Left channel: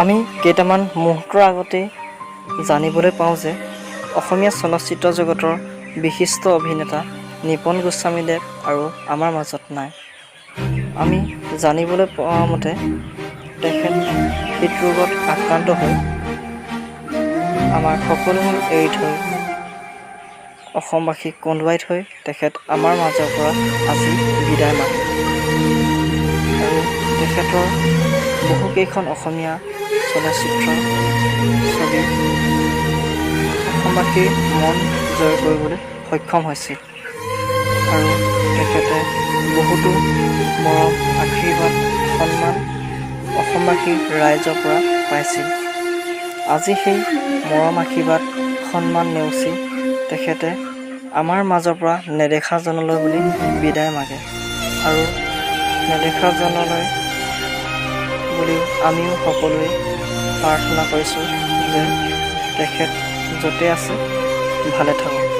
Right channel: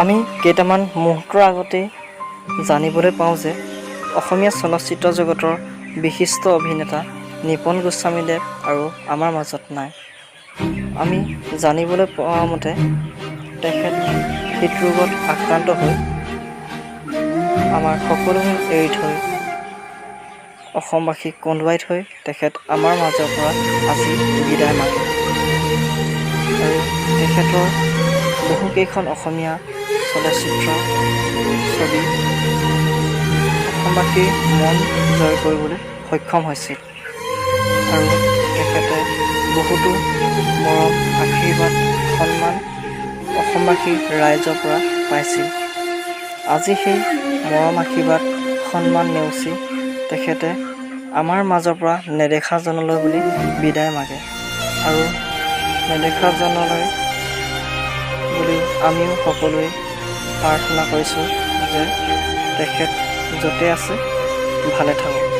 আমি কেইটামান মুহূৰ্তৰ আগতে জানিবলৈ পাওঁ যে অসমীয়া চলচ্চিত্ৰ জগতৰ বিশিষ্ট অভিনেতা নিপন গোস্বামীদেৱ আৰু আমাৰ মাজত নাই। আমি জানিবলৈ পোৱা মতে তেখেত হৃদৰোগত আক্ৰান্ত হৈ আমাৰ সকলোবোৰ এৰি থৈ অসমবাসীক কন্দুৱাই থৈ তেখেত আমাৰ মাজৰ পৰা আজি বিদায় মাগে। আৰু তেখেতৰ বহুকেইখন অসমীয়া চলচ্চিত্ৰ ছবি অসমবাসীৰ মন জয় কৰিবলৈ সক্ষম হৈছিল আৰু তেখেতে বহুতো মৰম আশীৰ্বাদ সন্মান অসমবাসীৰ ৰাইজৰ পৰা পাইছিল। আজি সেই মৰম আশীৰ্বাদ সন্মান নেওচি তেখেতে আমাৰ মাজৰ পৰা নেদেখা জনলৈ বুলি বিদায় মাগে আৰু নেদেখা জনলৈ বুলিও আমিও সকলোৱে প্ৰাৰ্থনা কৰিছোঁ যে তেখেত য'তে আছে ভালে থাকক।